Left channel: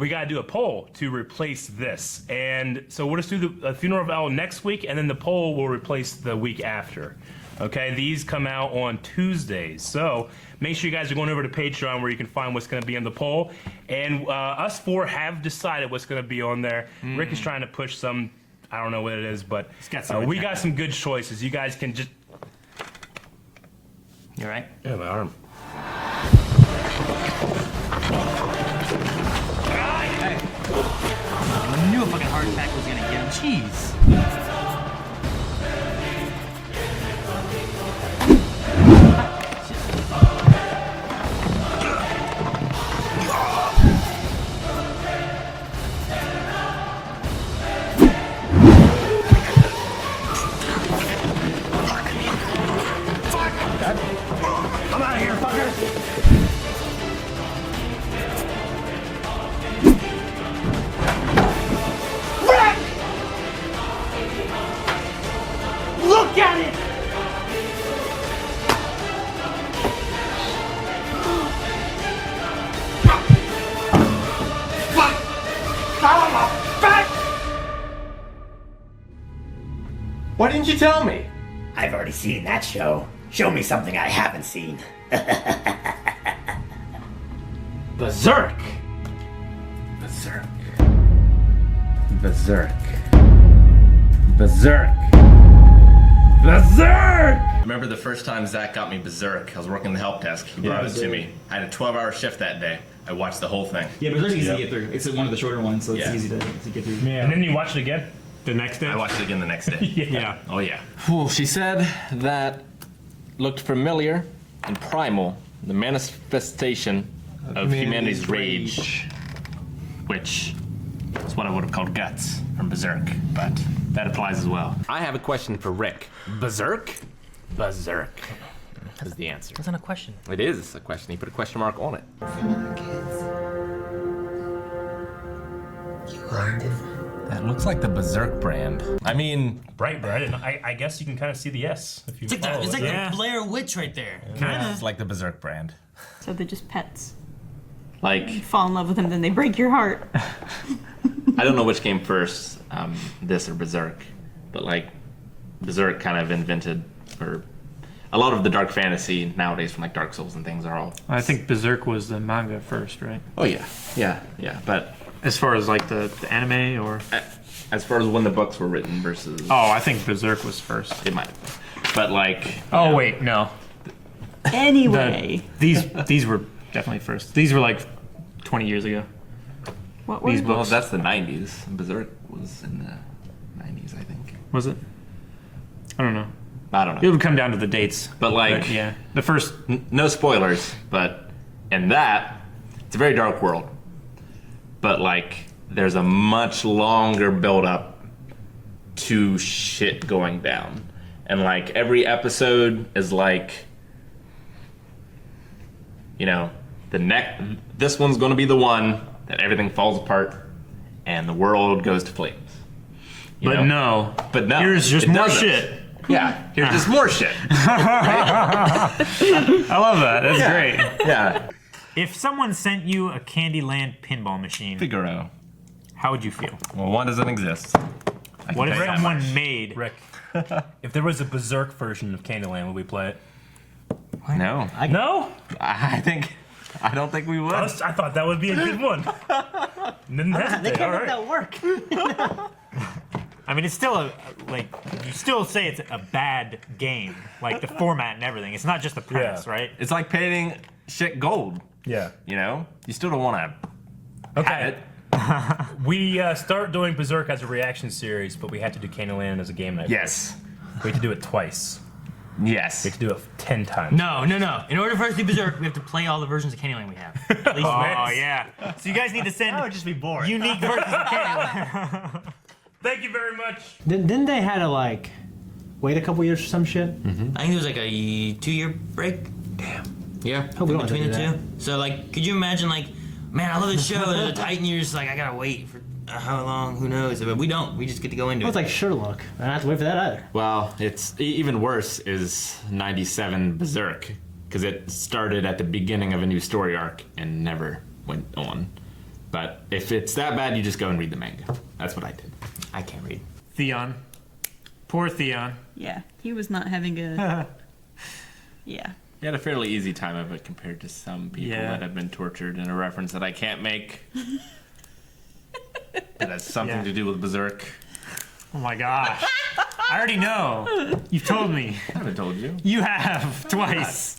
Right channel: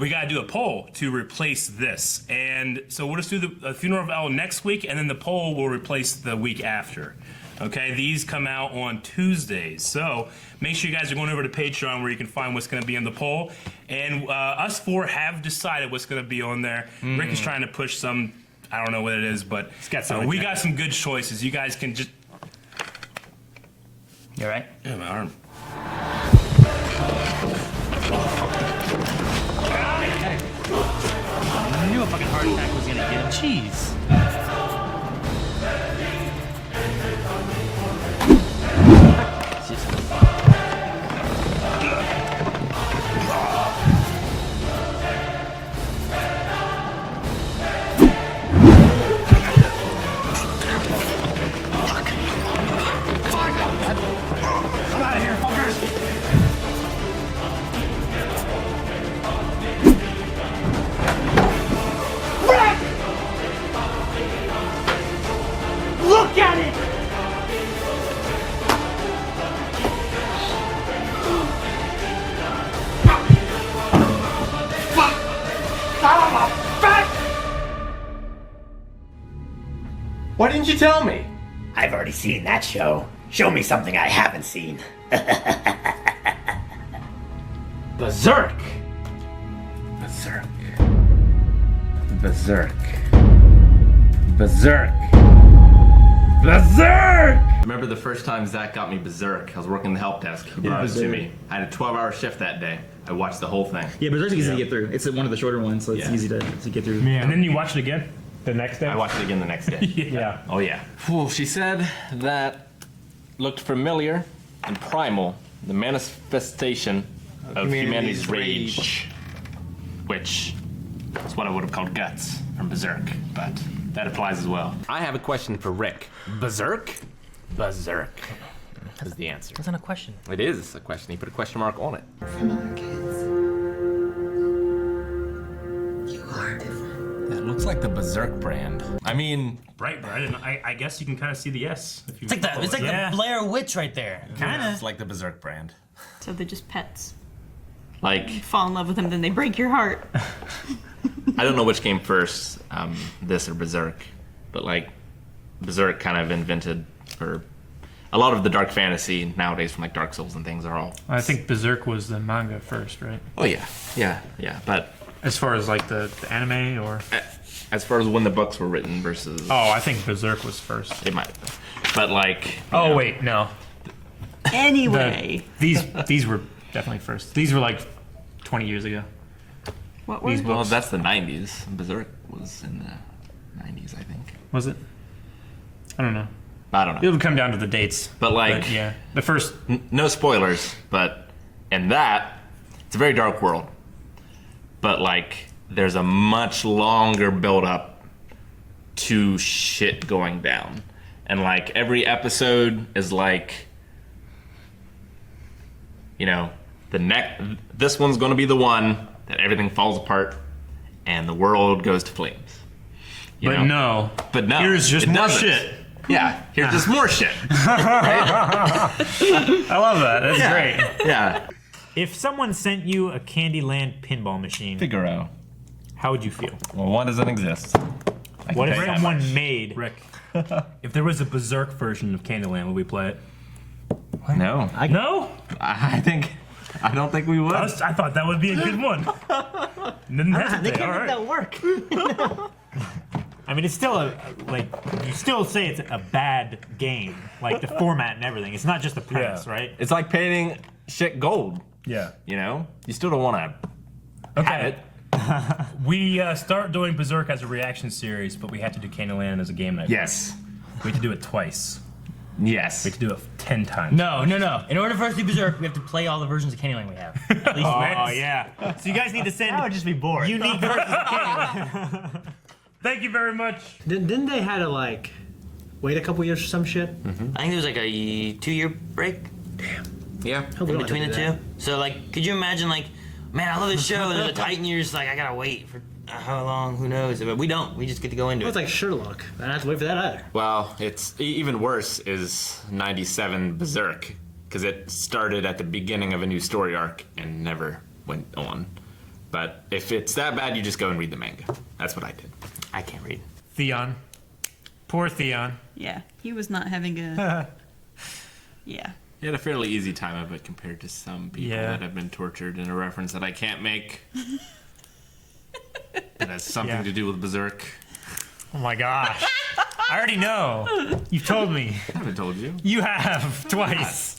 we got to do a poll to replace this. And so we'll just do the Funeral of El next week, and then the poll will replace the week after. Okay, these come out on Tuesdays. So make sure you guys are going over to Patreon where you can find what's going to be in the poll. And us four have decided what's going to be on there. Rick is trying to push some, I don't know what it is, but we got some good choices. You guys can just... You all right? Yeah, my arm. Hey. I knew a fucking heart attack was gonna get. Jeez. Look at it! Fuck! Son of a bitch! Why didn't you tell me? I've already seen that show. Show me something I haven't seen. Berserk! Berserk. Berserk. Berserk. Berserk! Remember the first time Zach got me Berserk? I was working the help desk. He brought it to me. I had a 12-hour shift that day. I watched the whole thing. Yeah, Berserk's easy to get through. It's one of the shorter ones, so it's easy to get through. Yeah. And then you watch it again the next day? I watched it again the next day. Yeah. Oh, yeah. Oh, she said that looked familiar and primal, the manifestation of humanity's rage, which is what I would have called guts from Berserk, but that applies as well. I have a question for Rick. Berserk? Berserk is the answer. That's not a question. It is a question. He put a question mark on it. From other kids. You are different. That looks like the Berserk brand. I mean, Brightburn. I guess you can kind of see the S. If you It's like the Blair Witch right there. it's like the Berserk brand. So they're just pets. Like, You fall in love with them, then they break your heart. I don't know which came first, this or Berserk, but like, Berserk kind of invented, or a lot of the dark fantasy nowadays from like Dark Souls and things are all... I think Berserk was the manga first, right? Oh yeah, but... As far as like the anime or... As far as when the books were written versus... Oh, I think Berserk was first. It might have been. But like... Oh wait, no. Anyway. These were definitely first. These were like 20 years ago. What were Well, books? that's the 90s. Berserk was in the 90s, I think. Was it? I don't know. I don't It know. would come down to the dates. But like... yeah, the first... No spoilers, but in that, it's a very dark world. But like, there's a much longer build-up to shit going down. And like, every episode is like... You know, this one's gonna be the one that everything falls apart and the world goes to flames. You But know? no. But no. Here's just it more doesn't. shit. Yeah, here's just more shit. I love that. That's great. Yeah. If someone sent you a Candyland pinball machine, Figaro. how would you feel? Well, one doesn't exist. What if someone made... Rick, if there was a Berserk version of Candyland, would we play it? No. No? I don't think we would. I thought that would be a good one. Didn't hesitate. All right. That work. I mean, it's still you still say it's a bad game, like the format and everything. It's not just the premise, right? It's like painting shit gold. Yeah. You know? You still don't want to have it. We start doing Berserk as a reaction series, but we have to do Candyland as a game night. Yes. We have to do it twice. Yes. We have to do it 10 times. No. In order for us to do Berserk, we have to play all the versions of Candyland we have. At least Oh yeah. So you guys need to send that would just be boring. unique versions of Candyland. Thank you very much. Didn't they had to like wait a couple years for some shit? I think there was like a 2-year break Yeah. Hope we in don't between have the to do two. So like, could you imagine like, man, I love this show. There's a Titan. You're just like, I gotta wait for how long? Who knows? But we don't. We just get to go into that. it. It's like Sherlock. I don't have to wait for that either. Well, it's even worse is 97 Berserk, because it started at the beginning of a new story arc and never went on. But if it's that bad, you just go and read the manga. That's what I did. I can't read. Theon. Poor Theon. Yeah, he was not having a. Yeah. You had a fairly easy time of it compared to some people that have been tortured in a reference that I can't make. That has something to do with Berserk. Oh my gosh. I already know. You've told me. I haven't told you. You have twice.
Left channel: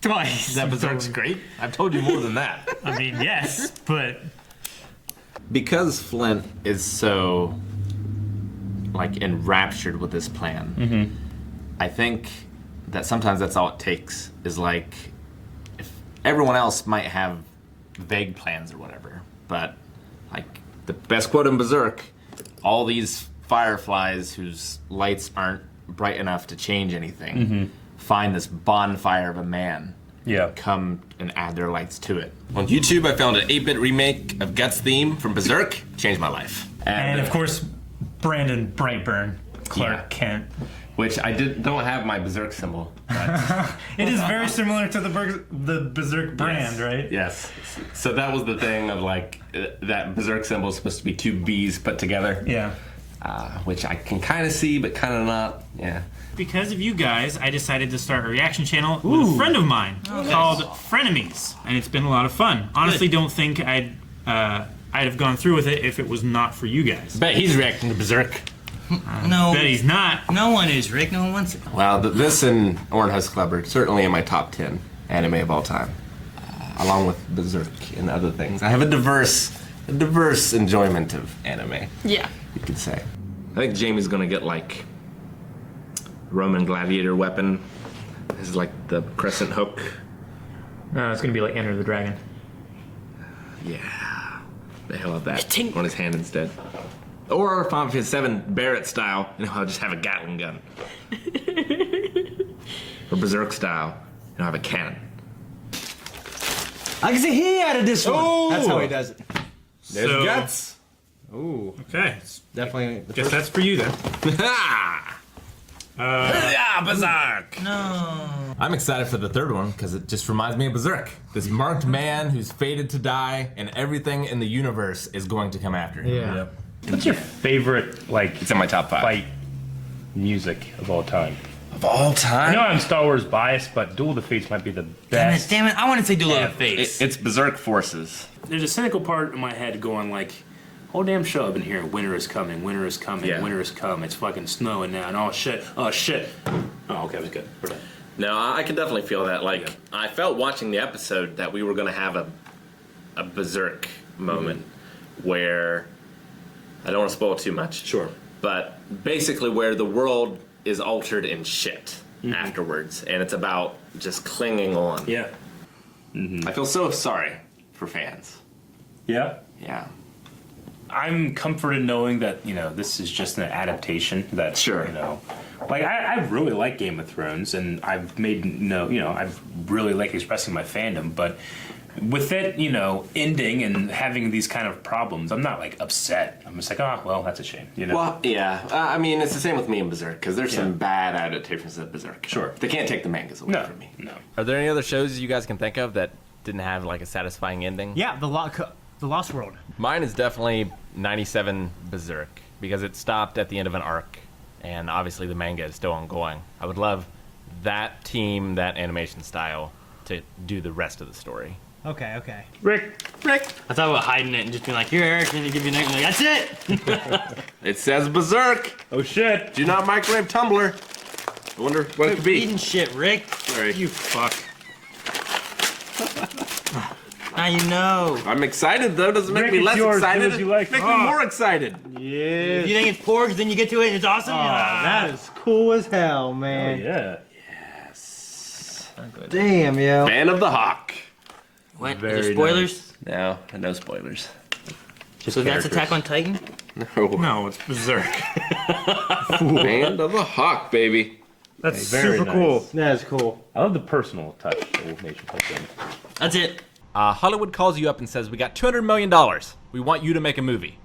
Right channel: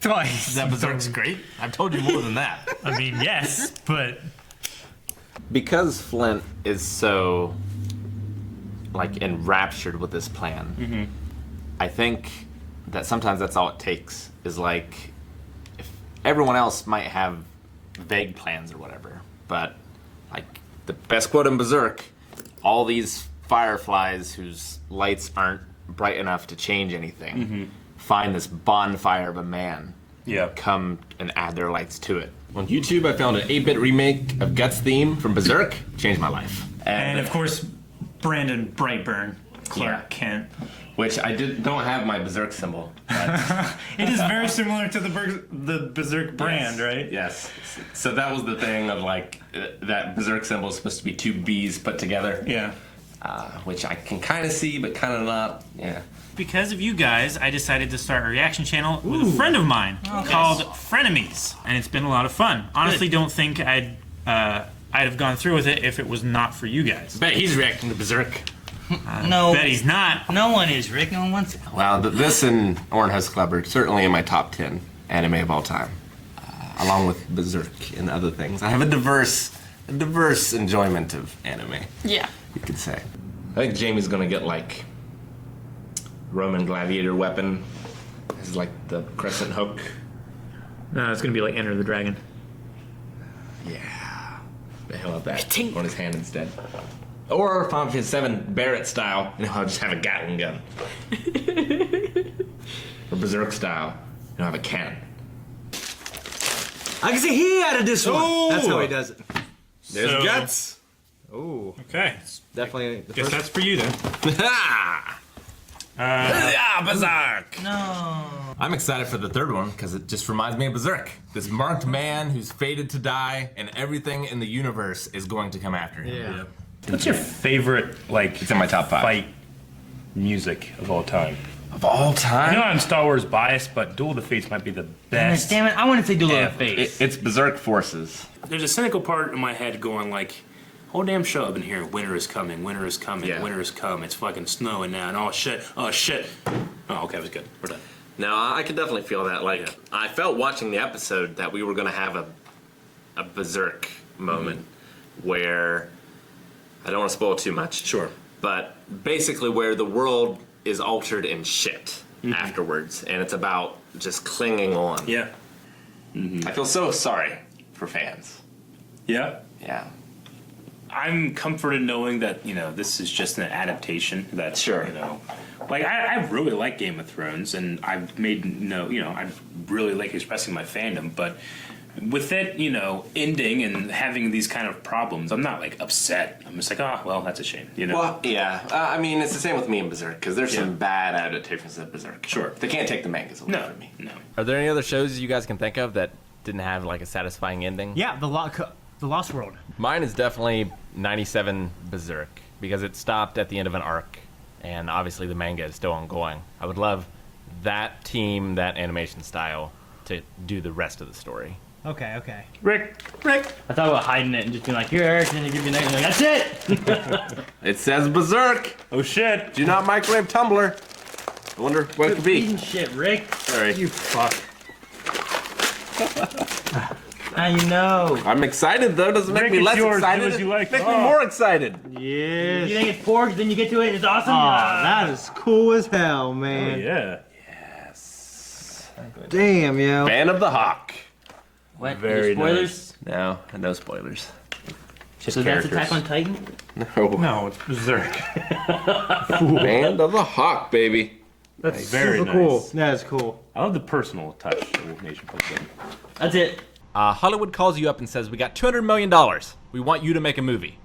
Twice. That Berserk's great? I've told you more than that. I mean, yes, but Because Flint is so, like, enraptured with this plan, I think that sometimes that's all it takes is, like, if everyone else might have vague plans or whatever, but, like, the best quote in Berserk, all these fireflies whose lights aren't bright enough to change anything find this bonfire of a man, come and add their lights to it. On YouTube, I found an 8-bit remake of Guts' theme from Berserk. Changed my life. And of course, Brandon Brightburn, Clark Kent. Which I don't have my Berserk symbol. It is very similar to the Berserk brand, right? Yes. So that was the thing of like that Berserk symbol is supposed to be two B's put together. Yeah. Which I can kind of see, but kind of not. Yeah. because of you guys, I decided to start a reaction channel with a friend of mine called Frenemies, and it's been a lot of fun. Honestly, don't think I'd have gone through with it if it was not for you guys. Bet he's reacting to Berserk. No. Bet he's not. No one is, Rick. No one wants it. Well, this and Orange Club are certainly in my top 10 anime of all time, along with Berserk and other things. I have a diverse enjoyment of anime. Yeah. You could say. I think Jamie's gonna get like Roman gladiator weapon. This is like the crescent hook. No, it's gonna be like Enter the Dragon. Yeah. The hell of that on his hand instead. Or Final Fantasy 7 Barrett style, I'll just have a Gatling gun. Or Berserk style, have a cannon. I can see he added this one. That's how he does it. There's guts. Ooh. Okay. Definitely. Guess that's for you then. Berserk! No. I'm excited for the third one because it just reminds me of Berserk. This marked man who's fated to die, and everything in the universe is going to come after him. Yeah. What's your favorite, like, It's in my top 5. fight music of all time? Of all I time? know I'm Star Wars biased, but Duel of the Fates might be the best. Damn it. I want to say Duel of the Fates. It's Berserk Forces. There's a cynical part in my head going like, "Oh damn, show up in here. Winter is coming. Winter is coming. Yeah. Winter is coming. It's fucking snowing now. And oh shit. Oh shit. Oh okay, it was good. We're done." No, I could definitely feel that. Like, I felt watching the episode that we were going to have a Berserk moment where, I don't want to spoil too much. Sure. But basically where the world is altered in shit afterwards, and it's about just clinging on. Yeah. I feel so sorry for fans. Yeah. Yeah. I'm comforted knowing that, this is just an adaptation that, Sure. like, I really like Game of Thrones, and I've made I really like expressing my fandom, but with it, ending and having these kind of problems, I'm not, like, upset. I'm just like, oh, well, that's a shame, Well, yeah. I mean, it's the same with me and Berserk, because there's some bad adaptations of Berserk. Sure. They can't take the mangas away from me. No. Are there any other shows you guys can think of that didn't have like a satisfying ending? Yeah, the Lost World. Mine is definitely 97 Berserk because it stopped at the end of an arc, and obviously the manga is still ongoing. I would love that team, that animation style, to do the rest of the story. Okay. Rick. I thought about hiding it and just being like, here, Eric, and then give me like, that's it. It says Berserk. Oh shit! Do not microwave Tumblr. I wonder what it could be. Eating shit, Rick. Sorry. You fuck. Now you know. I'm excited though. Doesn't make Rick, me it's less yours. Do excited. as you like. Make me more excited. Yeah. You think it's pork, then you get to it and it's awesome? That is cool as hell, man. Yeah. Damn, yo. Fan of the Hawk. What? Any spoilers? No spoilers. So that's Attack on Titan? No. No, it's Berserk. Fan of the Hawk, baby. That's Very super nice. cool. That is cool. I love the personal touch that Wolf Nation puts in. That's it. Hollywood calls you up and says, "We got $200 million. We want you to make a movie.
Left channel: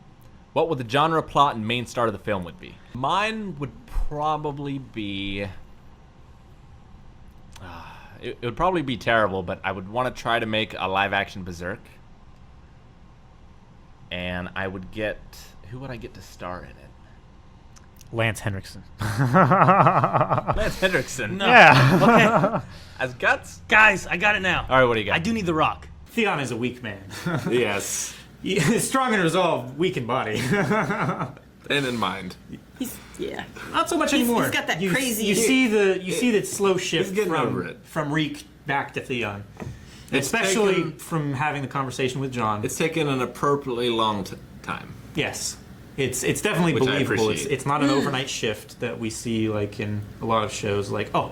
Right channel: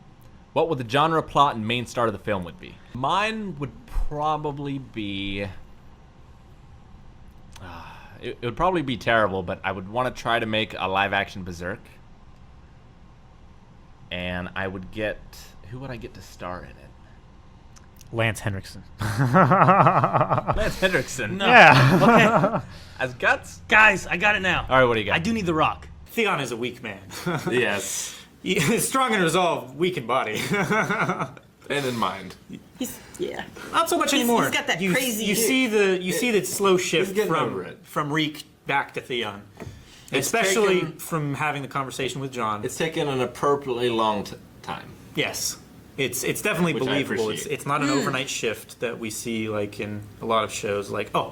What would the genre, plot, and main star of the film would be?" Mine would probably be... it would probably be terrible, but I would want to try to make a live-action Berserk. and I would get... Who would I get to star in it? Lance Henriksen. Lance Henriksen? No. Yeah. As Guts? Guys, I got it now. All right, what do you got? I do need The Rock. Theon is a weak man. Yes. He's strong in resolve, weak in body. And in mind. Yeah. Not so much anymore. He's got that you, crazy. You see the slow shift getting over it. from Reek back to Theon, It's especially taken- from having the conversation with John. It's taken an appropriately long time. Yes, it's definitely Which I believable. appreciate. It's not an overnight shift that we see like in a lot of shows. Like, oh,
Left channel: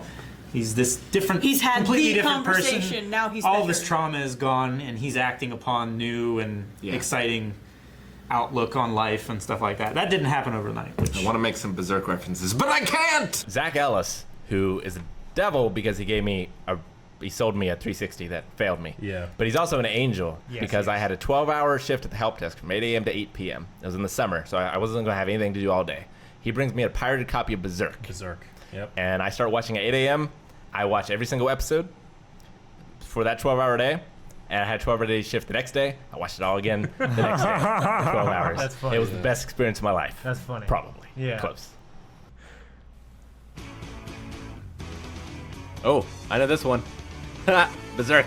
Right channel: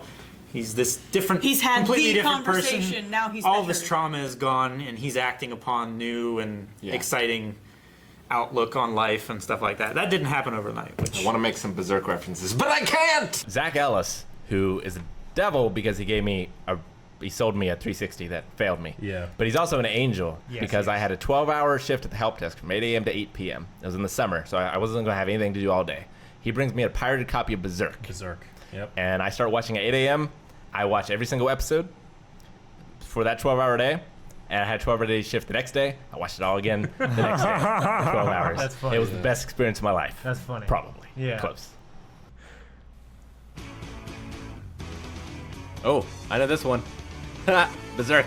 he's this different, He's had completely the different person. conversation, now he's all better. this trauma is gone, and he's acting upon new and exciting outlook on life and stuff like that. That didn't happen overnight. Which I want to make some Berserk references, but I can't! Zach Ellis, who is a devil because he sold me a 360 that failed me. Yeah. But he's also an angel Yes, because he I had a 12-hour shift at the help desk from 8 a.m. to 8 p.m. It was in the summer, so I wasn't going to have anything to do all day. He brings me a pirated copy of Berserk. Yep. And I start watching at 8 a.m. I watch every single episode for that 12-hour day. And I had a 12-hour day shift the next day. I watched it all again the next day. 12 hours. That's funny. It was the best experience of my life. That's funny. Probably. Yeah. Close. Oh, I know this one. Berserk.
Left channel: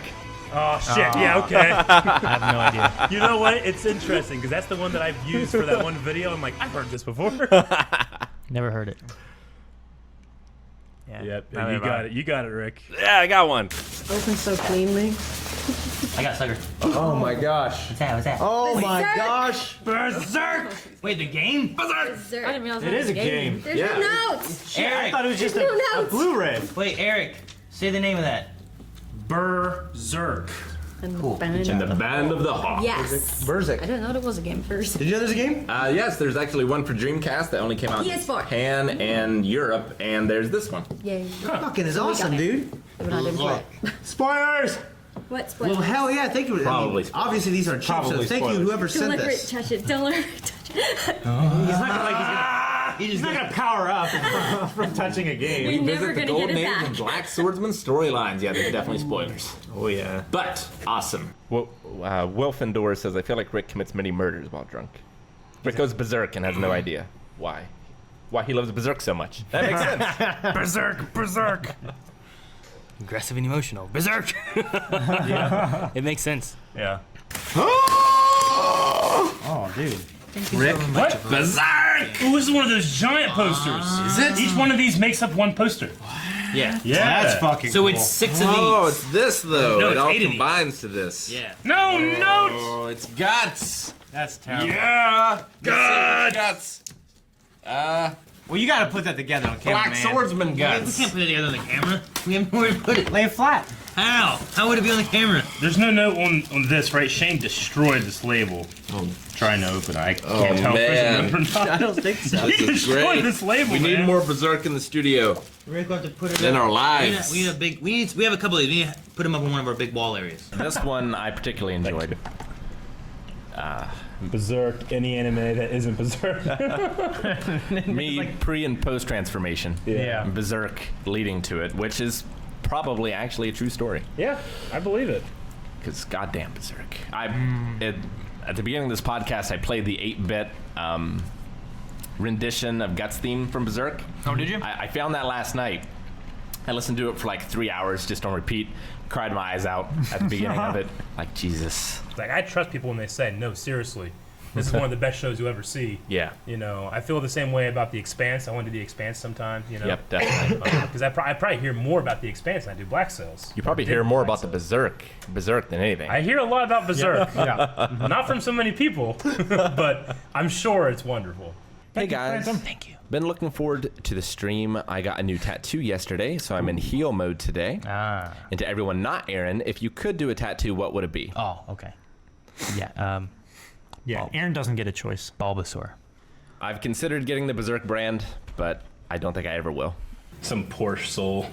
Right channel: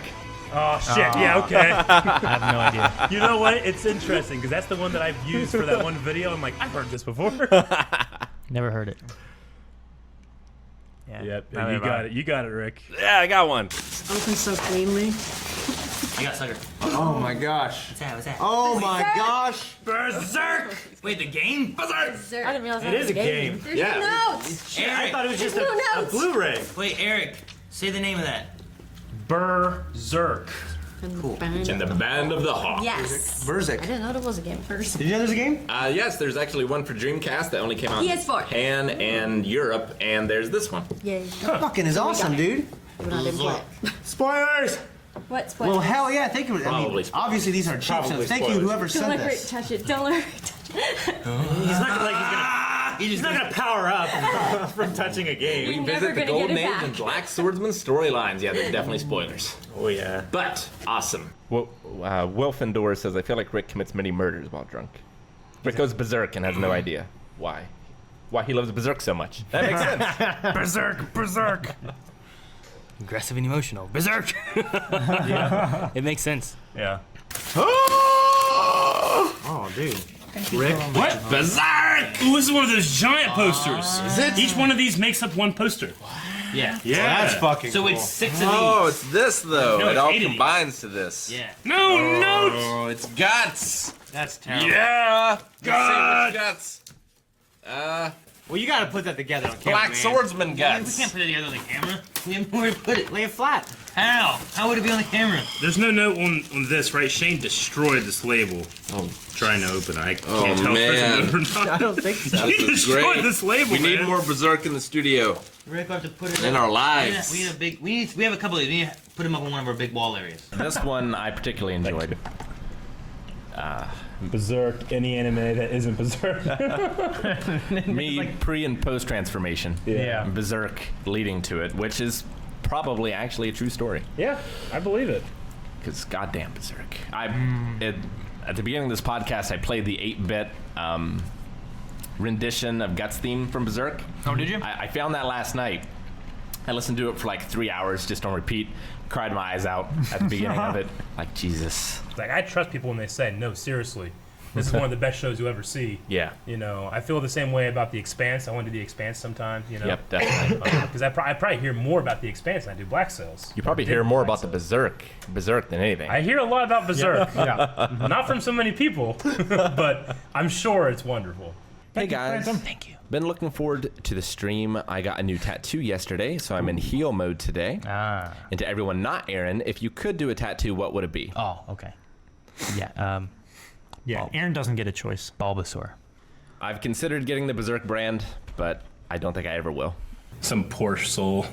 Oh shit! Yeah, okay. I have no idea. You know what? It's interesting because that's the one that I've used for that one video. I'm like, I've heard this before. Never heard it. Yeah. Yep, you got it. You got it, Rick. Yeah, I got one. Open so cleanly. I got sucker. oh my gosh! What's that? What's that? Oh my gosh! Berserk. Wait, the game? I didn't realize that It was is a game. There's no notes. Eric. I thought it was just There's no a notes. Blu-ray. Wait, Eric. Say the name of that. Berserk. Cool. And the Band of the Hawk. Yes. Berserk. I didn't know there was a game first. Did you know there's a game? Yes, there's actually one for Dreamcast that only came out in PS4. Japan and Europe, and there's this one. Yay. Fucking is So we awesome, got it. dude. But I didn't play it. Spoilers! What? Spoilers? Well, hell yeah! Thank you. Probably obviously these are cheap, so Probably thank you spoilers. whoever Don't sent let her this. touch it. Don't let her touch it. He's not gonna he's not gonna power up from touching a game. You're never gonna get it Name back. and Black Swordsman storylines. Yeah, there's definitely spoilers. Oh yeah. But awesome. Well, Wilfendor says, I feel like Rick commits many murders while drunk. Rick goes berserk and has no idea why. Why he loves Berserk so much. That makes sense. Berserk. Aggressive and emotional. Berserk. Yeah. It makes sense. Yeah. Oh, dude. Rick. What? Berserk! Oh, this is one of those giant posters. Is it? Each one of these makes up one poster. Yeah. Yeah. That's fucking So cool. it's 6 of Oh, these. it's this though. No, it it's all 8 of these. combines to this. Yeah. No, no. Oh, it's guts. That's terrible. Yeah. God. Guts. Well, you gotta put that together on camera, Black man. Swordsman We guts. can't put it together on the camera. We have nowhere to put it. Lay it flat. How? How would it be on the camera? There's no note on this, right? Shane destroyed this label. Oh, Trying to open it. I Oh, can't tell man. if there's a note or I not. don't think so. He this is destroyed great. this label, We need man. more Berserk in the studio. We're gonna have to put it In our We lives. need a big. We have a couple of these. We need to put them up in one of our big wall areas. This one I particularly enjoyed. Berserk, any anime that isn't Berserk. Me pre and post transformation. Yeah. And Berserk leading to it, which is probably actually a true story. Yeah, I believe it. Because goddamn Berserk. At the beginning of this podcast, I played the 8-bit rendition of Guts theme from Berserk. Oh, did you? I found that last night. I listened to it for like 3 hours just on repeat. Cried my eyes out at the beginning of it. Like, Jesus. Like, I trust people when they say, no, seriously. This is one of the best shows you'll ever see. Yeah. You know, I feel the same way about The Expanse. I want to do The Expanse sometime, you know. Yep, definitely. Because I probably hear more about The Expanse than I do Black Sails. You probably hear more about the Berserk than anything. I hear a lot about Berserk. Yeah. Not from so many people, but I'm sure it's wonderful. Hey guys. Thank you. Been looking forward to the stream. I got a new tattoo yesterday, so I'm in heel mode today. Ah. And to everyone not Aaron, if you could do a tattoo, what would it be? Oh, okay. Yeah. Yeah. Aaron doesn't get a choice. Bulbasaur. I've considered getting the Berserk brand, but I don't think I ever will. Some poor soul.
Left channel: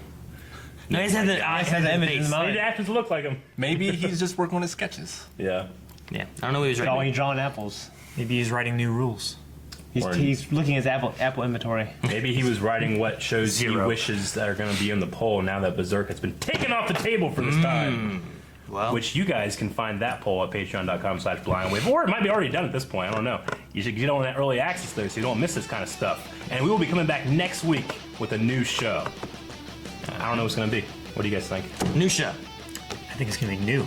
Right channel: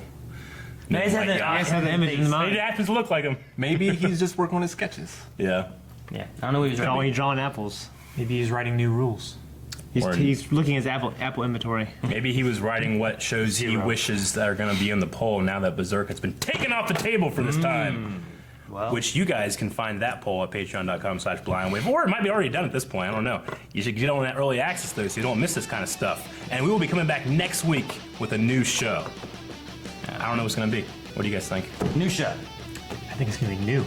I just have the image in It mind. happens to look like him. Maybe he's just working on his sketches. Yeah. Yeah. I don't know what he was Only writing. drawing apples. Maybe he's writing new rules. He's looking at his apple inventory. Maybe he was writing what shows he Zero. wishes that are going to be on the poll now that Berserk has been taken off the table for this time. Wow. which you guys can find that poll at patreon.com/blindwave, or it might be already done at this point. I don't know. You should get on that early access there so you don't miss this kind of stuff. And we will be coming back next week with a new show. I don't know what it's going to be. What do you guys think? New show. I think it's gonna be new.